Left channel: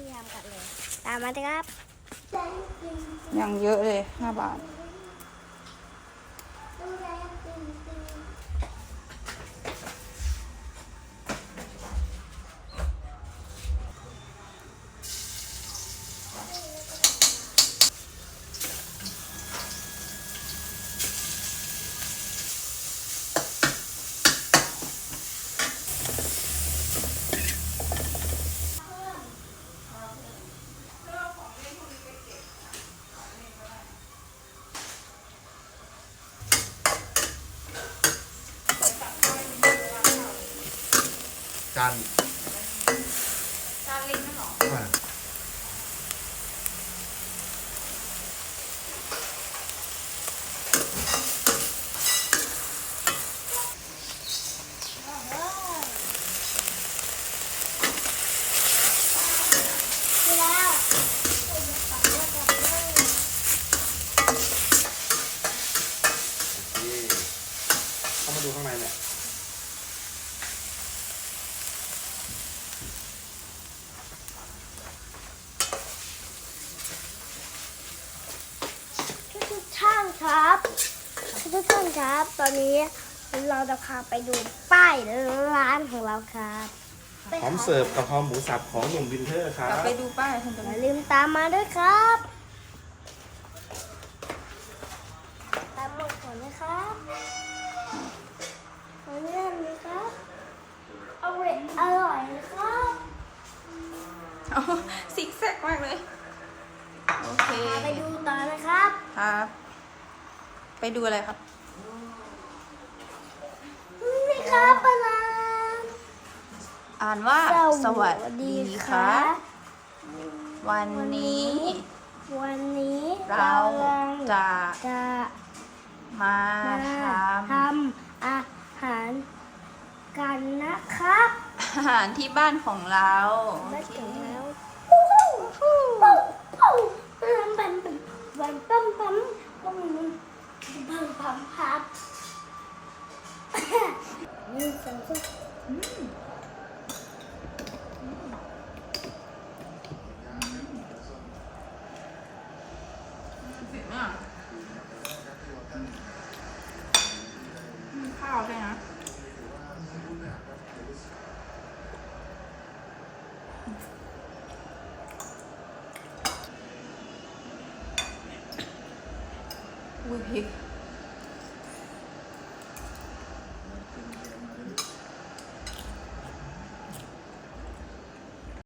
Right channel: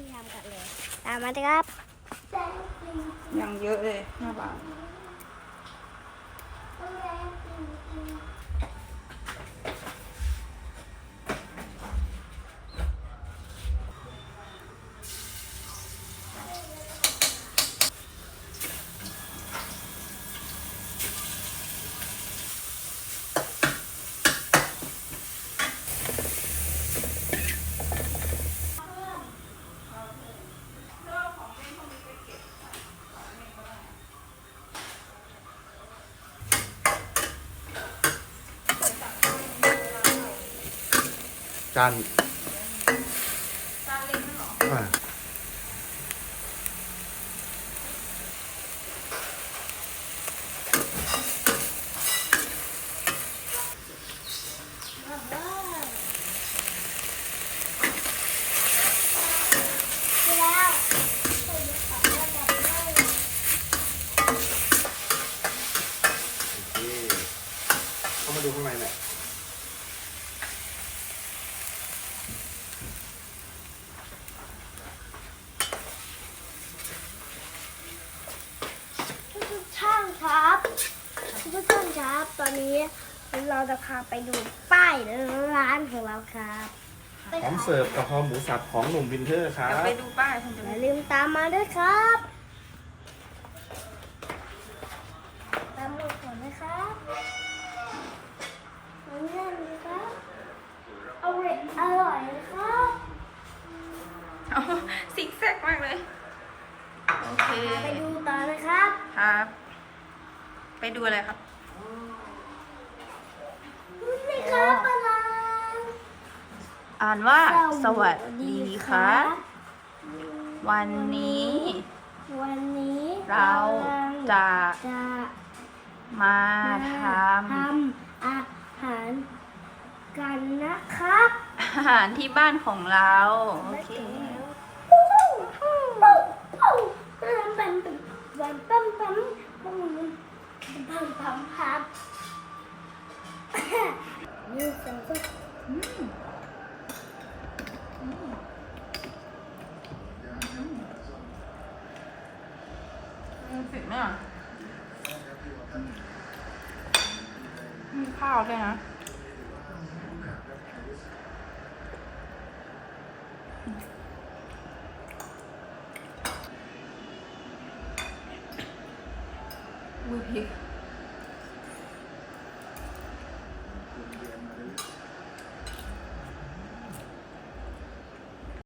พี่ทำกันเลย ตามมาเลยครับ ยังเยอะเลยห้าบาท จานอ่แล้วโอเคเข้ามาดูข้างในเนี่ย ทุกท่าน ครับทุกท่านครับ ตอนนี้เราจะพาไปดูป้ายร้านของเราครับพร้อมเสิร์ฟกะเพราหมูสับของหนุ่มวินเทอร์ครัเดี๋ยวบไปดูป้ายคุณจะอย่าลืมตามมาด้วยครับ ตามมาก่อนนะครับขอเลื่อนนะครับเอาเวทอร่อยนะครับเอาซิกแซกมากเลย โอเค พาไปดูต่อนะครับ ครับ ไปดูอะไรครับนี่ครับปลาร้าอ่านว่าสสวัวัสสดีดีคครัรับบวันนี้ วันนี้เราจะจะมาททำอาหารกันนะครับำอาหารที่บ้านของเรา โอไม่เค นี่เสียงก็ข้าวด้วยนะดูพริก